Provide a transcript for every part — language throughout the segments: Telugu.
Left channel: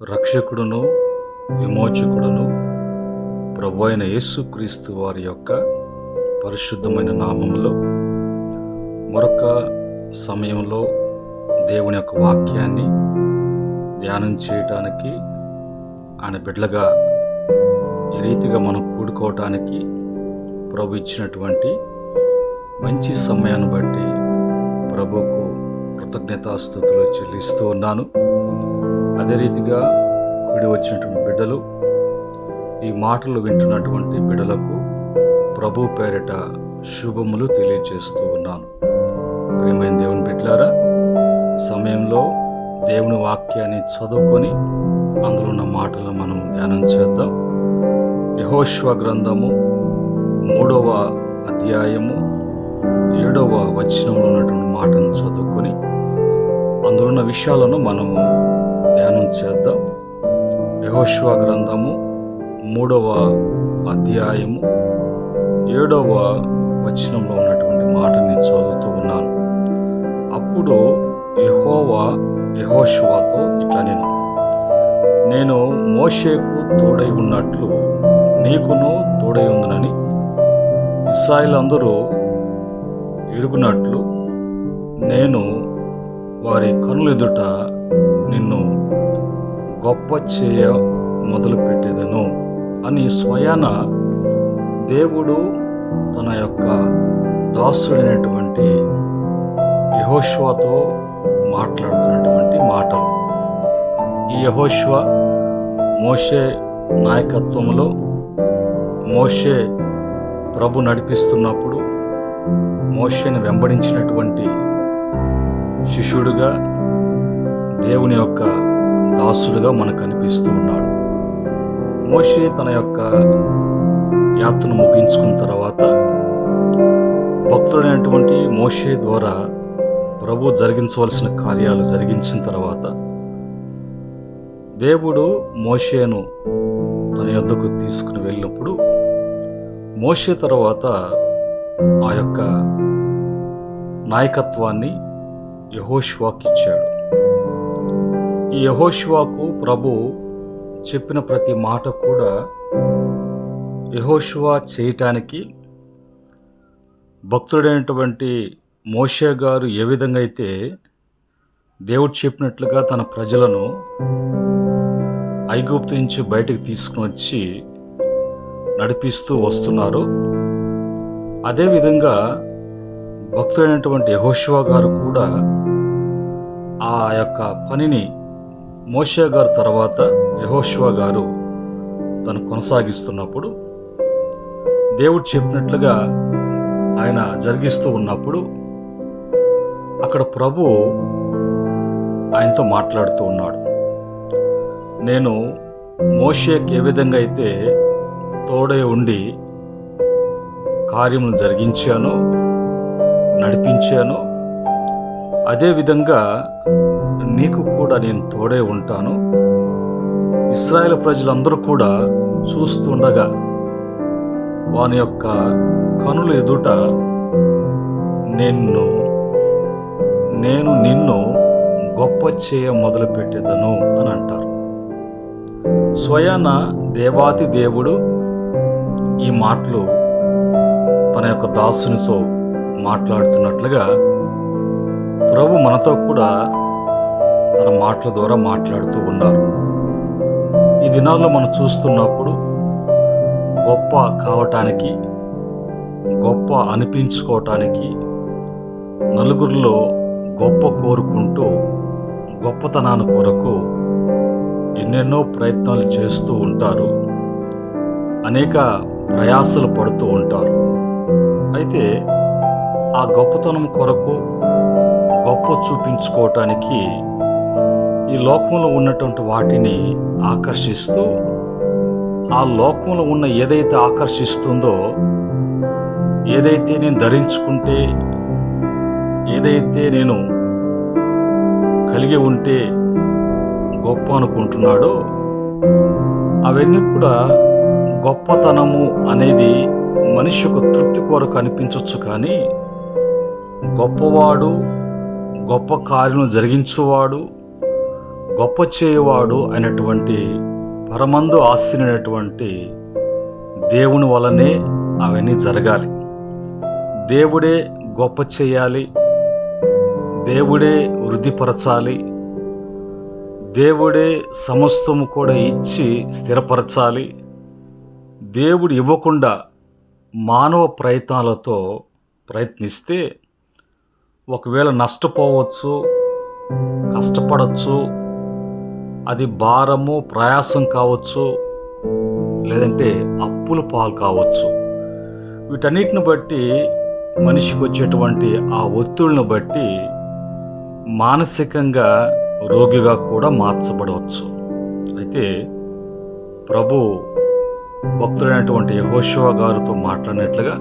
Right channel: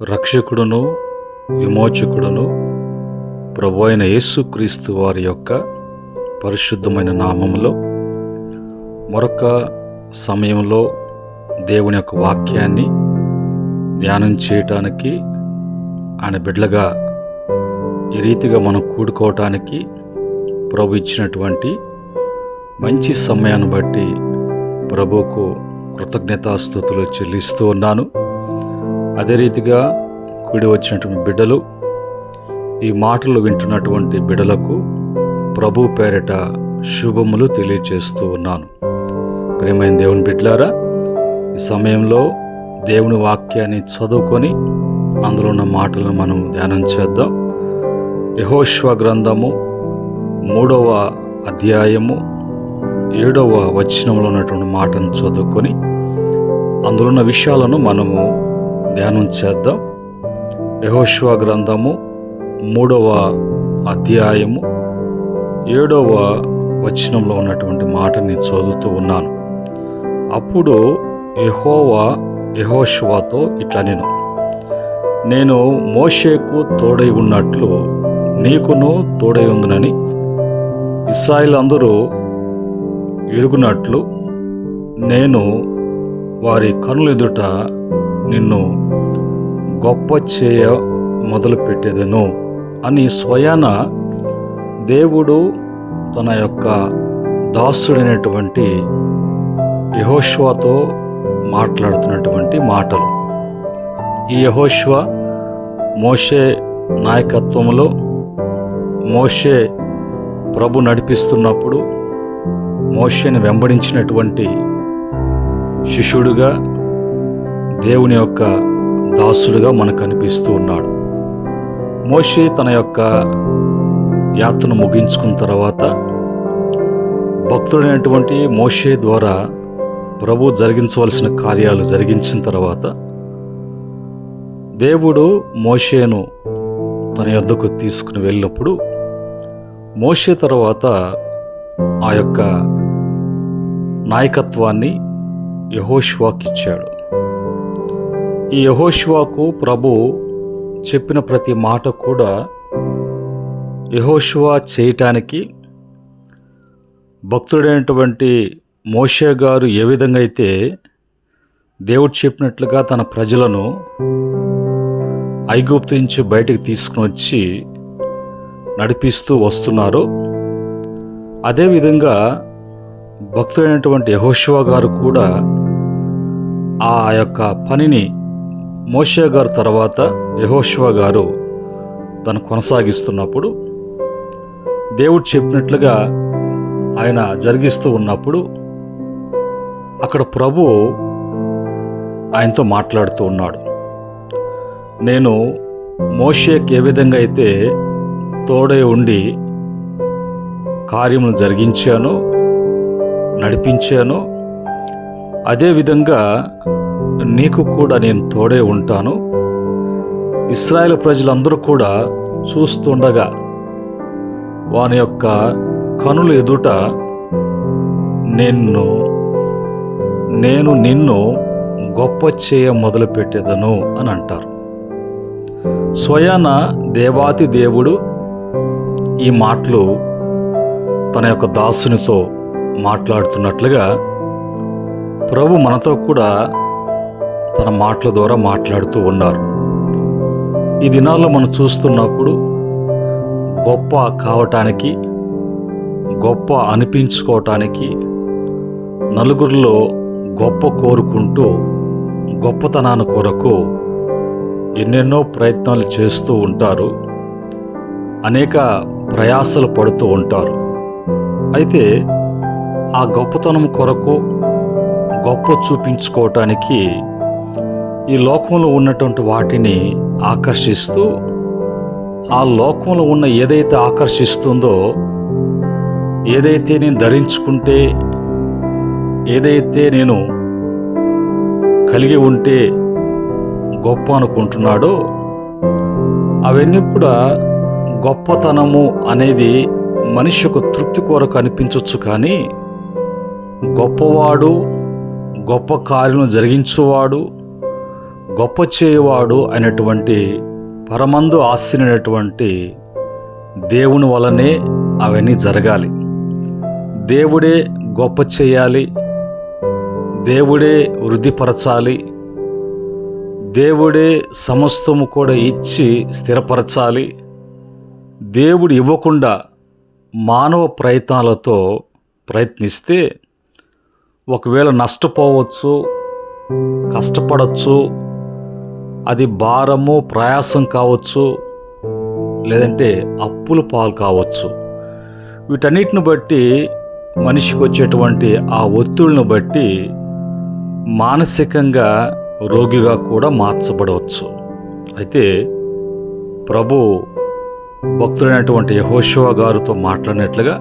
రక్షకుడును విమోచకుడును ప్రభువైన యేసుక్రీస్తు వారి యొక్క పరిశుద్ధమైన నామములో మరొక సమయంలో దేవుని యొక్క వాక్యాన్ని ధ్యానం చేయటానికి ఆయన బిడ్డలుగా ఈ రీతిగా మనం కూడుకోవటానికి ప్రభు ఇచ్చినటువంటి మంచి సమయాన్ని బట్టి ప్రభువుకు కృతజ్ఞతాస్తుతులు చెల్లిస్తూ ఉన్నాను. అదే రీతిగా కూడి వచ్చినటువంటి బిడ్డలు, ఈ మాటలు వింటున్నటువంటి బిడ్డలకు ప్రభు పేరిట శుభములు తెలియజేస్తూ ఉన్నాను. ప్రియమైన దేవుని బిడ్డలారా, ఈ సమయంలో దేవుని వాక్యాన్ని చదువుకొని అందులో ఉన్న మాటలను మనం ధ్యానం చేద్దాం. యెహోషువ గ్రంథము 3వ అధ్యాయము 7వ వచనంలో ఉన్నటువంటి మాటను చదువుకొని అందులో ఉన్న విషయాలను మనము ధ్యానం చేద్దాం. యెహోషువ గ్రంథము 3వ అధ్యాయము 7వ వచనంలో ఉన్నటువంటి మాటని చదువుతూ ఉన్నాను. అప్పుడు యెహోవా యెహోషువతో ఇట్లా నేను మోషేకు తోడై ఉన్నట్లు నీకును తోడై ఉందునని ఇశ్రాయేలు అందరూ ఎరుగునట్లు నేను వారి కనుల ఎదుట నిన్ను గొప్ప చేయ మొదలుపెట్టేదను అని స్వయాన దేవుడు తన యొక్క దాసుడైనటువంటి యెహోషువతో మాట్లాడుతున్నటువంటి మాటలు. ఈ యెహోషువ మోషే నాయకత్వంలో మోషే ప్రభు నడిపిస్తున్నప్పుడు మోషేని వెంబడించినటువంటి శిష్యుడుగా దేవుని యొక్క దాసుడుగా మనకు కనిపిస్తూ ఉన్నాడు. మోషే తన యొక్క యాత్రను ముగించుకున్న తర్వాత భక్తుడైనటువంటి మోషే ద్వారా ప్రభు జరిగించవలసిన కార్యాలు జరిగించిన తర్వాత దేవుడు మోషేను తన యొద్దకు తీసుకుని వెళ్ళినప్పుడు మోషే తర్వాత ఆ యొక్క నాయకత్వాన్ని యెహోషువకి ఇచ్చాడు. ఈ యెహోషువకు ప్రభు చెప్పిన ప్రతి మాట కూడా యెహోషువ చేయటానికి భక్తుడైనటువంటి మోషే గారు ఏ విధంగా అయితే దేవుడు చెప్పినట్లుగా తన ప్రజలను ఐగుప్తు నుంచి బయటికి తీసుకుని వచ్చి నడిపిస్తూ వస్తున్నారో అదేవిధంగా భక్తుడైనటువంటి యెహోషువ గారు కూడా ఆ యొక్క పనిని మోషే గారు తర్వాత యెహోషువ గారు తను కొనసాగిస్తున్నప్పుడు దేవుడు చెప్పినట్లుగా ఆయన జరిగిస్తూ ఉన్నప్పుడు అక్కడ ప్రభు ఆయనతో మాట్లాడుతూ ఉన్నాడు. నేను మోషేకి ఏ విధంగా అయితే తోడే ఉండి కార్యములు జరిగించానో నడిపించానో అదేవిధంగా నీకు కూడా నేను తోడే ఉంటాను. ఇశ్రాయేలు ప్రజలందరూ కూడా చూస్తుండగా వాని యొక్క కనుల ఎదుట నేను నిన్ను గొప్ప చేయ మొదలుపెట్టేదను అని అంటారు. స్వయాన దేవాతి దేవుడు ఈ మాటలు తన యొక్క దాసునితో మాట్లాడుతున్నట్లుగా ప్రభు మనతో కూడా తన మాటల ద్వారా మాట్లాడుతూ ఉన్నారు. ఈ దినాల్లో మనం చూస్తున్నప్పుడు గొప్ప కావటానికి, గొప్ప అనిపించుకోవటానికి, నలుగురిలో గొప్ప కోరుకుంటూ గొప్పతనాన్ని కొరకు ఎన్నెన్నో ప్రయత్నాలు చేస్తూ ఉంటారు. అనేక ప్రయాసలు పడుతూ ఉంటారు. అయితే ఆ గొప్పతనం కొరకు గొప్ప చూపించుకోవటానికి ఈ లోకంలో ఉన్నటువంటి వాటిని ఆకర్షిస్తూ ఆ లోకంలో ఉన్న ఏదైతే ఆకర్షిస్తుందో, ఏదైతే నేను ధరించుకుంటే, ఏదైతే నేను కలిగి ఉంటే గొప్ప అనుకుంటున్నాడో అవన్నీ కూడా గొప్పతనము అనేది మనిషి యొక్క తృప్తి కొరకు అనిపించవచ్చు. కానీ గొప్పవాడు, గొప్ప కార్యం జరిగించువాడు, గొప్ప చేయవాడు అయినటువంటి పరమందు ఆసీనుడైనటువంటి దేవుని వలనే అవన్నీ జరగాలి. దేవుడే గొప్ప చేయాలి, దేవుడే వృద్ధిపరచాలి, దేవుడే సమస్తము కూడా ఇచ్చి స్థిరపరచాలి. దేవుడు ఇవ్వకుండా మానవ ప్రయత్నాలతో ప్రయత్నిస్తే ఒకవేళ నష్టపోవచ్చు, కష్టపడవచ్చు, అది భారము ప్రయాసం కావచ్చు, లేదంటే అప్పుల పాలు కావచ్చు. వీటన్నిటిని బట్టి మనిషికి వచ్చేటువంటి ఆ ఒత్తిడిని బట్టి మానసికంగా రోగిగా కూడా మార్చబడవచ్చు. అయితే ప్రభు భక్తుడైనటువంటి యెహోషువ గారితో మాట్లాడినట్లుగా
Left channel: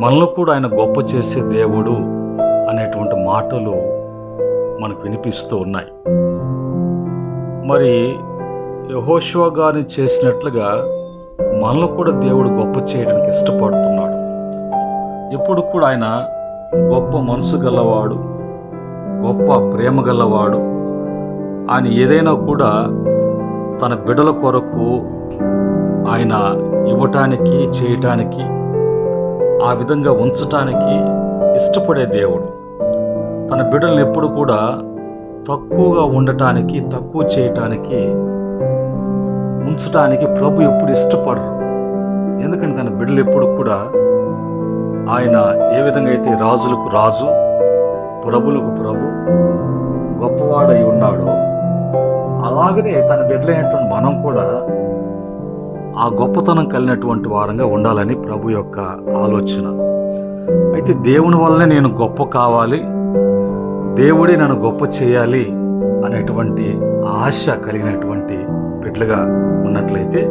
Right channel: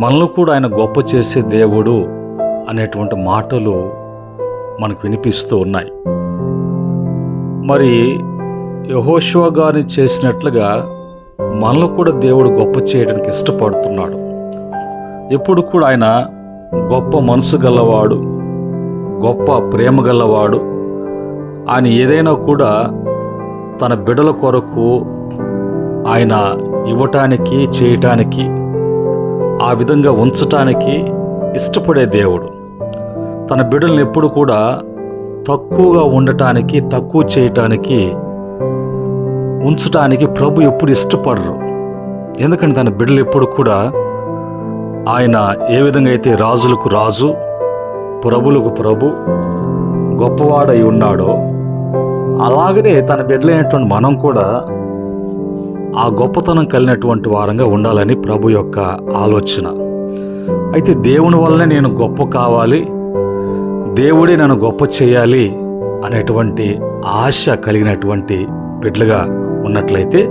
మనల్ని కూడా ఆయన గొప్ప చేసే దేవుడు అనేటువంటి మాటలు మనకు వినిపిస్తూ ఉన్నాయి. మరి యెహోషువ గారిని చేసినట్లుగా మనల్ని కూడా దేవుడు గొప్ప చేయడానికి ఇష్టపడుతున్నాడు. ఎప్పుడు కూడా ఆయన గొప్ప మనసు గలవాడు, గొప్ప ప్రేమ గలవాడు. ఆయన ఏదైనా కూడా తన బిడ్డల కొరకు ఆయన ఇవ్వటానికి, చేయటానికి, ఆ విధంగా ఉంచటానికి ఇష్టపడే దేవుడు. తన బిడ్డలను ఎప్పుడు కూడా తక్కువగా ఉండటానికి, తక్కువ చేయటానికి, ఉంచటానికి ప్రభు ఎప్పుడు ఇష్టపడరు. ఎందుకంటే తన బిడ్డలు ఎప్పుడు కూడా ఆయన ఏ విధంగా అయితే రాజులకు రాజు, ప్రభులకు ప్రభు, గొప్పవాడై ఉన్నాడో అలాగనే తన బిడ్డలైనటువంటి మనం కూడా ఆ గొప్పతనం కలిగినటువంటి వారంగా ఉండాలని ప్రభు యొక్క ఆలోచన. అయితే దేవుని వల్లనే నేను గొప్ప కావాలి, దేవుడే నన్ను గొప్ప చేయాలి అనేటువంటి ఆశ కలిగినటువంటి బిడ్డలుగా ఉన్నట్లయితే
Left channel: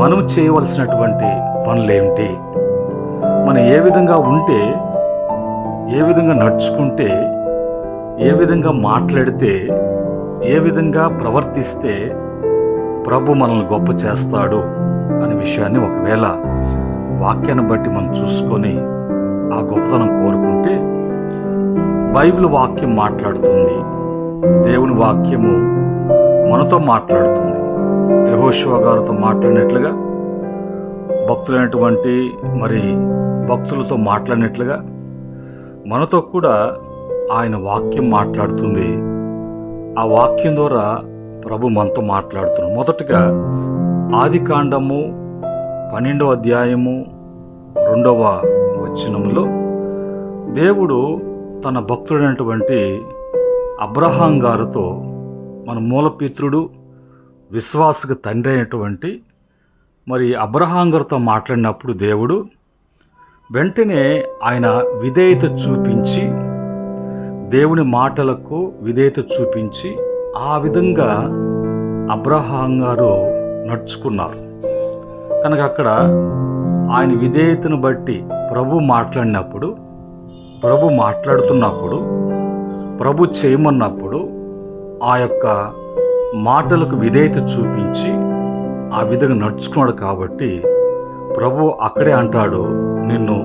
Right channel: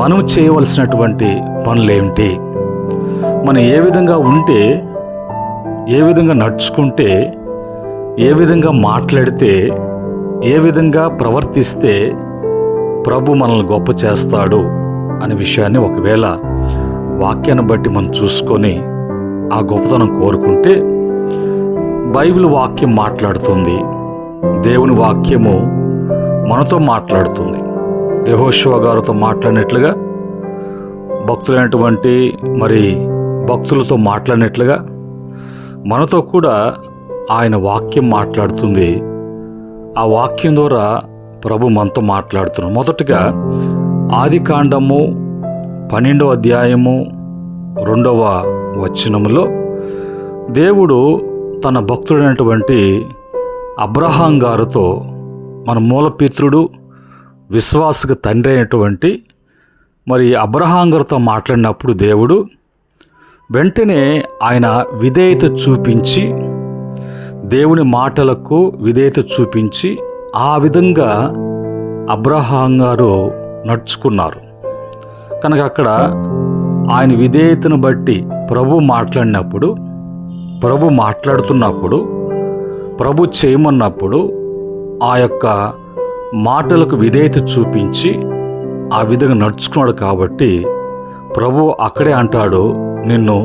మనం చేయవలసినటువంటి పనులేమిటి, మనం ఏ విధంగా ఉంటే, ఏ విధంగా నడుచుకుంటే, ఏ విధంగా మాట్లాడితే, ఏ విధంగా ప్రవర్తిస్తే ప్రభు మనల్ని గొప్ప చేస్తాడు అనే విషయాన్ని ఒకవేళ వాక్యాన్ని బట్టి మనం చూసుకొని ఆ గొప్పతనం కోరుకుంటే బైబిల్ వాక్యం మాట్లాడుతుంది, దేవుని వాక్యము మనతో మాట్లాడుతుంది. యెహోషువ గారితో మాట్లాడినట్లుగా, భక్తులైనటువంటి మరి భక్తులతో మాట్లాడినట్లుగా మనతో కూడా ఆయన వాక్యం మాట్లాడుతుంది. ఆ వాక్యం ద్వారా ప్రభు మనతో మాట్లాడుతున్నాం. మొదటగా ఆదికాండము 12వ అధ్యాయము 2వ వచనములో దేవుడు తన భక్తుడైనటువంటి అబ్రహాం గారితో, మన మూలపితృడు, విశ్వాసకు తండ్రి అయినటువంటి మరి అబ్రహాం గారితో మాట్లాడినప్పుడు దేవుడు వెంటనే ఆయన విధేయత చూపించి, దేవుని మాటలకు విధేయత చూపించి ఆ విధంగా అబ్రహాం గారు నడుచుకున్నారు. కనుక అక్కడ ఆయన విధేయతను బట్టి ప్రభు మాట్లాడినప్పుడు, ప్రభు మాట్లాడుతున్నప్పుడు, ప్రభు చేయమన్నప్పుడు ఆ యొక్క మాటలకు విధేయత చూపించి ఆ విధంగా నడుచుకున్నాడు. కాబట్టి ప్రభు అక్కడే అంటాడు, నిన్ను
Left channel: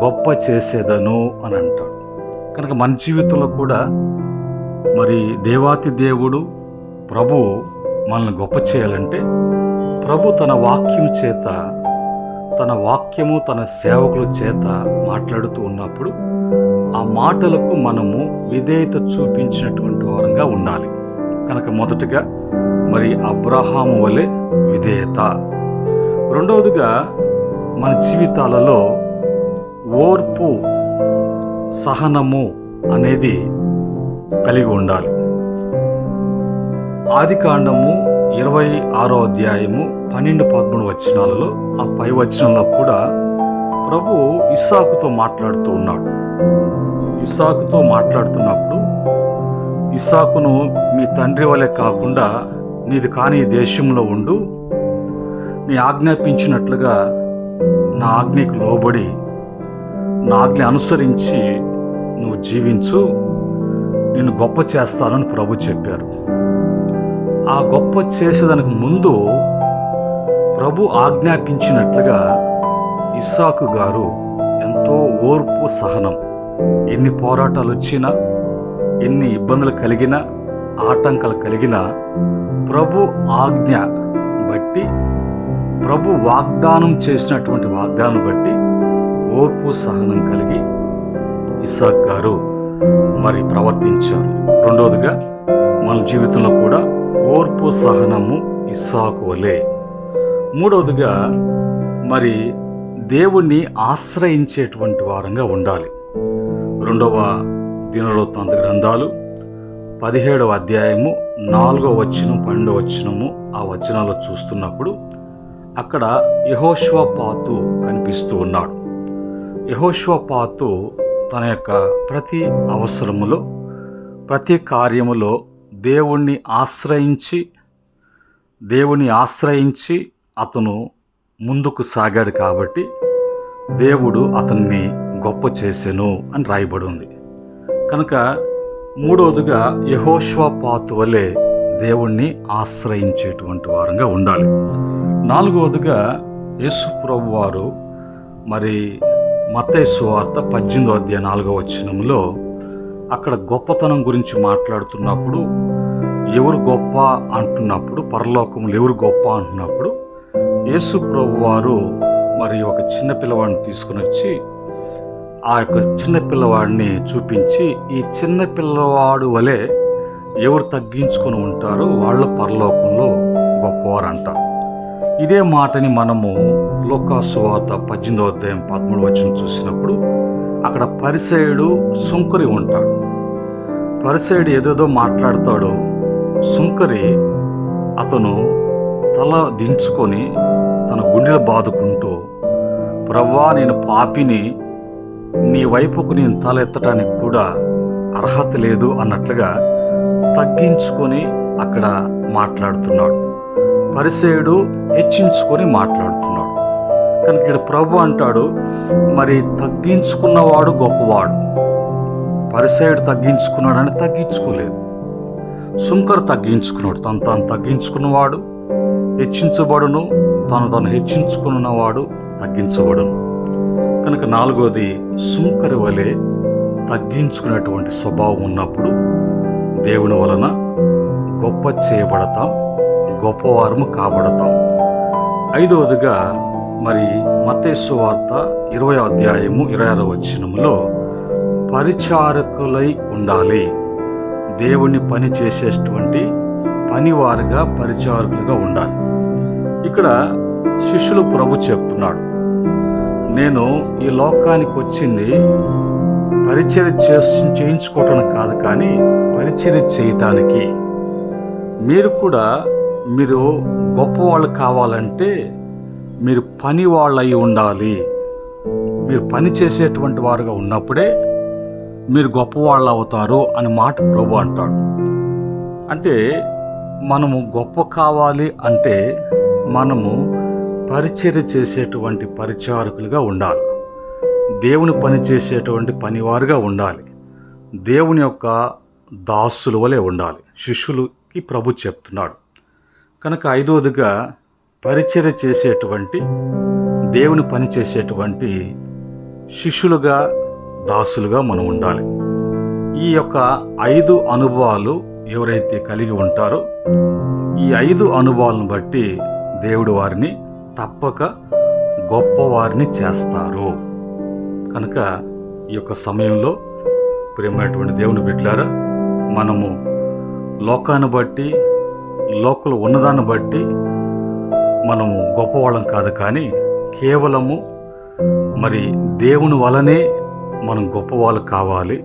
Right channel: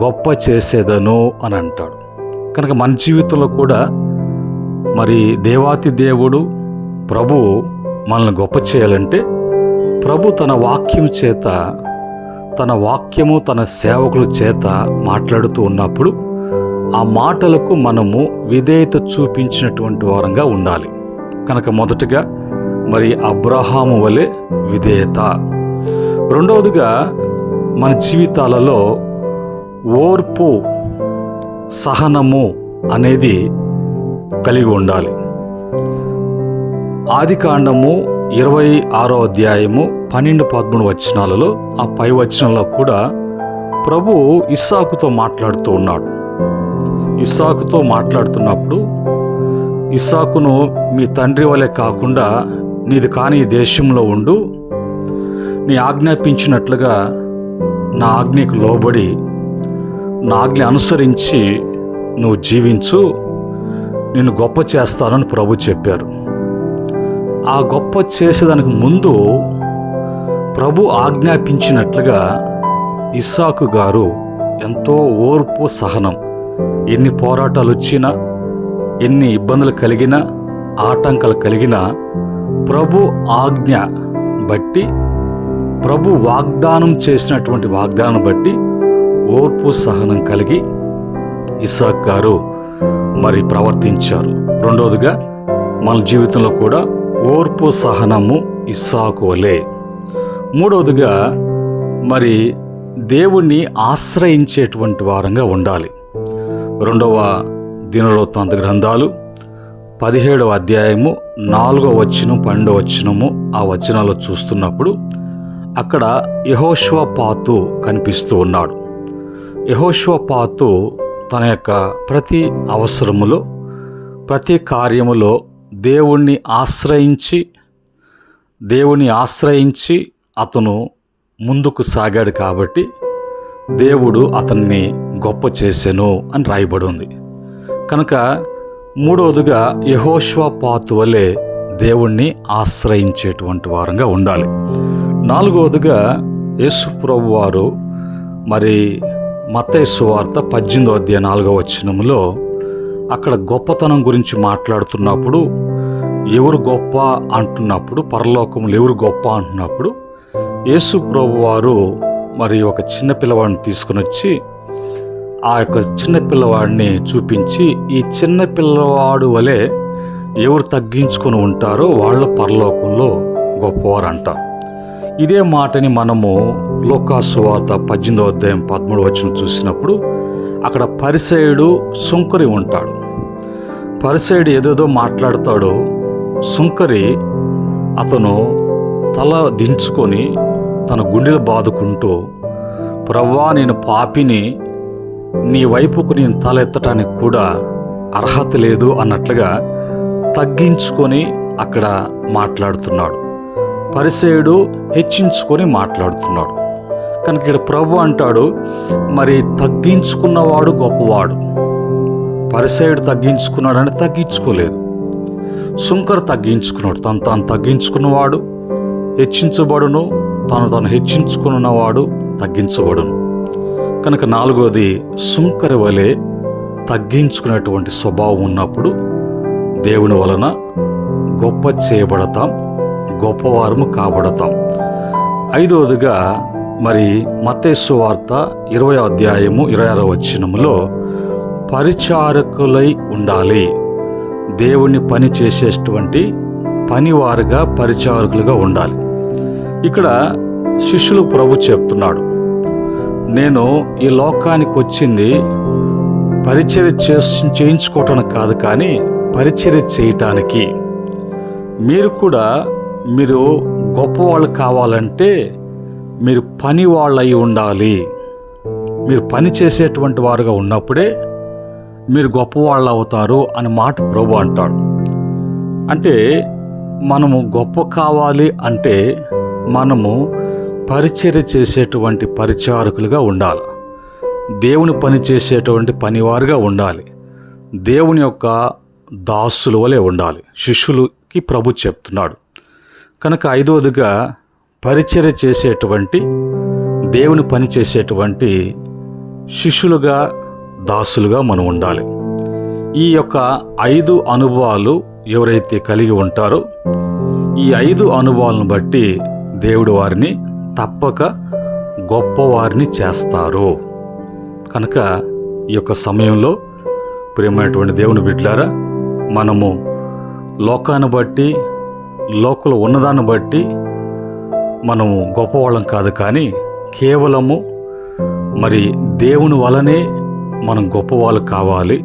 గొప్ప చేసేదను అని అంటాడు. కనుక మన జీవితంలో కూడా మరి దేవాతి దేవుడు ప్రభు మనల్ని గొప్ప చేయాలంటే ప్రభు తన వాక్యం చేత, తన వాక్యము తన సేవకుల చేత మాట్లాడుతూ ఉన్నప్పుడు ఆ మాటలకు మనము విధేయత చూపించినటువంటి వారంగా ఉండాలి. కనుక మొదటగా మరి అబ్రహాము వలె విధేయత. రెండవదిగా మన జీవితాలలో ఓర్పు, సహనము అనేది కలిగి ఉండాలి. ఆదికాండము 26వ అధ్యాయము 12-13 వచనాలలో, ఆ పై వచనంలో కూడా ప్రభు ఇస్సాకుతో మాట్లాడుతూ ఉన్నాడు. ఇస్సాకుతో మాట్లాడుతున్నప్పుడు, ఇస్సాకును మీ తండ్రి వలె కాకుండా నీది కాని దేశంలో ఉండు, నీ ఆజ్ఞాపించినట్లుగా నా ఆజ్ఞకు లోబడి నా ఆజ్ఞ అనుసరించి నువ్వు జీవించు, నిన్ను గొప్ప చేస్తానని ప్రభు చెప్పారు. ఆ గొప్ప చేసేదానికి ముందు ప్రభు ఆజ్ఞాపించినట్లుగా ఇస్సాకు గారు ఎంతో ఓర్పు, సహనం, ఎన్ని పోరాటాలు వచ్చినా, ఎన్ని ఇబ్బందులు కలిగినా, ఆటంకాలు కలిగిన ప్రభు ఆజ్ఞ బట్టి, ప్రభు వాగ్దానం చేసినటువంటి వాగ్దానం బట్టి ఓర్పు సహనం కలిగి ఇస్సాకు గారు మరి ప్రవర్తించారు. రెండవదిగా మన జీవితంలో కూడా ఓర్పు సహనము ఇస్సాకు వలె. మూడవదిగా మరి దేవుణ్ణి ఆశ్రయించేటువంటి వారంగా ఉండాలి. 2వ దినవృత్తాంత గ్రంథాలు 17వ అధ్యాయము 4వ వచనం 12వ వచనము ఆ వచనాల్లో చూస్తున్నప్పుడు అక్కడ యెహోషువపాతు కనిపిస్తూ ఉన్నాడు. యెహోషువపాతు తన యొక్క ప్రతి అవసరములో, ప్రతి కార్యములో దేవుణ్ణి ఆశ్రయించి అతను ముందుకు సాగాడు కాబట్టి దేవుడు అతన్ని గొప్ప చేసెను అని రాయబడి ఉంది. కనుక మూడవదిగా యెహోషువపాతు వలె దేవుణ్ణి ఆశ్రయించేటువంటి వారంగా ఉండాలి. నాలుగవదిగా యేసు ప్రభు వారు మరి మత్తయి సువార్త 18వ అధ్యాయం 4వ వచనంలో అక్కడ గొప్పతనం గురించి మాట్లాడుతున్నప్పుడు, ఎవరు గొప్ప అంటున్నప్పుడు, పరలోకములు ఎవరు గొప్ప అంటున్నప్పుడు యేసు ప్రభు వారు మరి ఒక చిన్న పిల్లవాడిని తీసుకుని వచ్చి ఆ యొక్క చిన్న పిల్లవాడిని చూపించి, ఈ చిన్న పిల్లవాడు వలె ఎవరు తగ్గించుకొని ఉంటారో వాళ్ళ పరలోకంలో గొప్పవారు అంటారు. ఇదే మాటని మనము లూకా సువార్త 18వ అధ్యాయం 13వ వచనం చూసినప్పుడు అక్కడ పరిసయ్యుడు సుంకరి ఉంటాడు. పరిసయ్యుడు ఏదేదో మాట్లాడతాడో, సుంకరి అతను తల దించుకొని తన గుండెలు బాదుకుంటూ, ప్రభువా నేను పాపిని, నీ వైపుకు నేను తల ఎత్తటానికి కూడా అర్హత లేదు అన్నట్లుగా తగ్గించుకొని అక్కడ మాట్లాడుతున్నాడు. పరిసయ్యుడు హెచ్చించుకొని మాట్లాడుతున్నాడు. కనుక ఇక్కడ ప్రభు అంటాడు, మరి తగ్గించుకున్నవాడు గొప్పవాడు. పరిసయ్యుడు తగ్గించుకున్నాడని తగ్గించుకోలేదు. సుంకరు తగ్గించుకున్నాడు. తాను తగ్గించుకున్నవాడు హెచ్చించబడును, తను హెచ్చించుకున్నవాడు తగ్గించబడును. కనుక నాలుగోది, సుంకరి వలె తగ్గించుకునేటువంటి స్వభావం ఉన్నప్పుడు దేవుని వలన గొప్ప చేయబడతాం, గొప్పవారము కాబడతాం. ఐదవదిగా మరి మత్తయి సువార్త 20వ అధ్యాయము 26వ వచనములో పరిచారకులై ఉండాలి. దేవుని పని చేసేటువంటి పనివారుగా, పరిచారకులుగా ఉండాలి. ఇక్కడ శిష్యులకు ప్రభు చెప్తున్నాడు, నేను ఈ లోకానికి వచ్చింది పరిచర్య చేయించుకోవటానికి కాదు, కానీ పరిచర్య చేయటానికి. మీరు గొప్పవాళ్ళు కావాలంటే మీరు పని వాళ్ళై ఉండాలి. మీరు పని చేసేటువంటి వారుగా ఉన్నప్పుడే మీరు గొప్పవాళ్ళు అవుతారు అని మాట ప్రభు అంటాడు. అంటే మనము గొప్ప కావాలి అంటే మనము పరిచర్య చేసేటువంటి పరిచారకులుగా ఉండాలి. దేవుని పని చేసేటువంటి పనివారుగా ఉండాలి. దేవుని యొక్క దాసుల వలె ఉండాలి. శిష్యులకి ప్రభు చెప్తున్నాడు. కనుక ఐదవదిగా పరిచర్య చేసేటువంటి, దేవుని పని చేసేటువంటి శిష్యులుగా, దాసులుగా మనం ఉండాలి. ఈ యొక్క 5 అనుభవాలు ఎవరైతే కలిగి ఉంటారో, ఈ 5 అనుభవాలను బట్టి దేవుడు వారిని తప్పక గొప్పవారిని చేస్తారు. కనుక ఈ యొక్క సమయంలో ప్రియమైనటువంటి దేవుని బిడ్డలారా, మనము లోకాన్ని బట్టి, లోకంలో ఉన్నదాన్ని బట్టి మనము గొప్పవాళ్ళం కాదు, కానీ కేవలము మరి దేవుని వలనే మనం గొప్పవాళ్ళు కావాలి.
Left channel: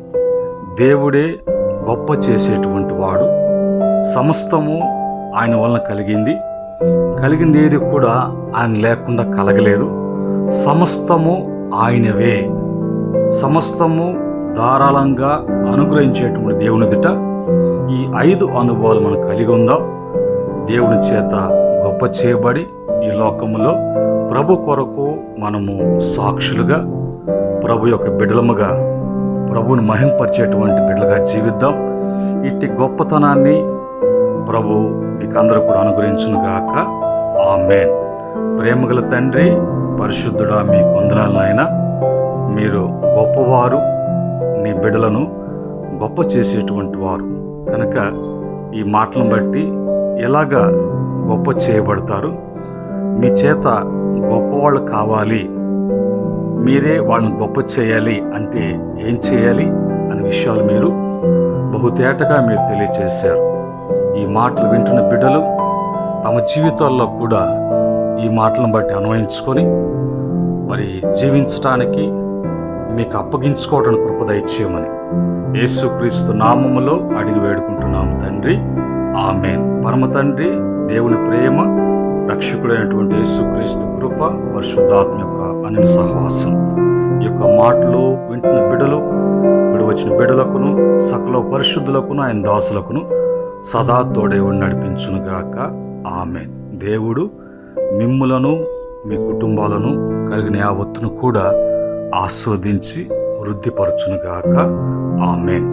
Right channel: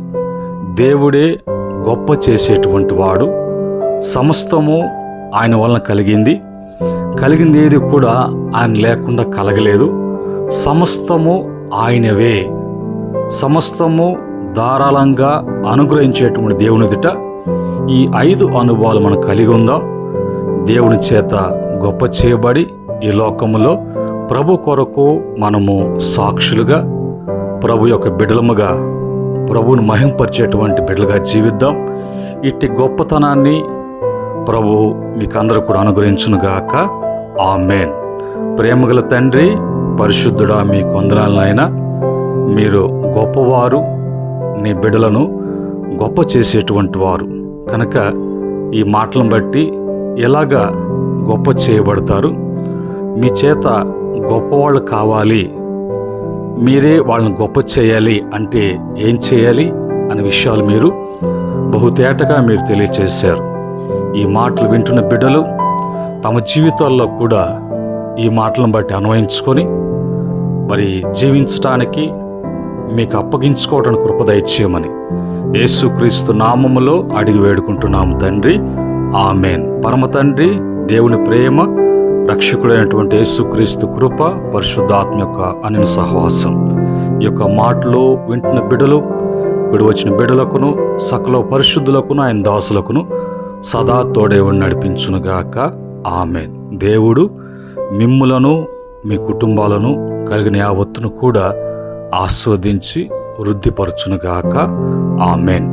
దేవుడే గొప్ప చేసేటువంటి వాడు. సమస్తము ఆయన వలన కలిగింది ఏది కూడా ఆయన లేకుండా కలగలేదు. సమస్తము ఆయనవే. సమస్తము ధారాళంగా అనుగ్రహించేటువంటి దేవుని ఎదుట ఈ 5 అనుభవాలు మనం కలిగి ఉందాం. దేవుని చేత గొప్ప చేయబడి ఈ లోకములో ప్రభు కొరకు మనము సాక్షులుగా, ప్రభు యొక్క బిడ్డలముగా, ప్రభువును మహింపరిచేటువంటి బిడ్డలుగా జీవిద్దాం. ఇట్టి గొప్పతనాన్ని ప్రభు మీకు అందరూ కూడా అనుగ్రహించునుగాక. ఆమేన్. ప్రేమగల తండ్రి, పరిశుద్ధుడా, మీకు వందనాలు నాయనా. మీరు గొప్పవారు, నీ బిడ్డలను గొప్ప చేసేటువంటి వారు. కనుక ఈ మాటలను బట్టి ఎలాగా గొప్ప చేయబడతారు, మీ చేత గొప్పవాళ్ళు కావాలి, మీరే వాళ్ళని గొప్ప చేయాలి అంటే ఏం చేయాలి అనే విషయాలు మీరు బహుతేటగా మీరు తెలియచేశారు. ఈ మాటలు వింటున్న బిడ్డలు తమ జీవితాల్లో కూడా ఈ మాటలను బట్టి అన్వయించుకొని మరి జీవించటానికి మీకు అప్పగించుకోవడానికి కృప దయచేయమని యేసుక్రీస్తు నామములో అడిగి వేడుకుంటున్నాము తండ్రి, ఆమేన్. పరమ తండ్రి దేవుని ప్రేమ, రక్షకుడైనటువంటి యేసుక్రీస్తు కృప, పరిశుద్ధాత్మ యొక్క అనిన సహవాసం ఈ యొక్క మాటలు వింటున్న బిడ్డలు, కూడి వచ్చిన బిడ్డలకును సకల పరిశుద్ధులకును ఆయన దాసులకును సదా తోడే ఉండి నడిపించునుగాక, ఆమేన్. దేవుడు మిమ్ములను మీ కుటుంబాలను కలిగిన యావత్తును కూడా ఆస్వాదించి వృద్ధిపరచునుగాక, ఆమేన్.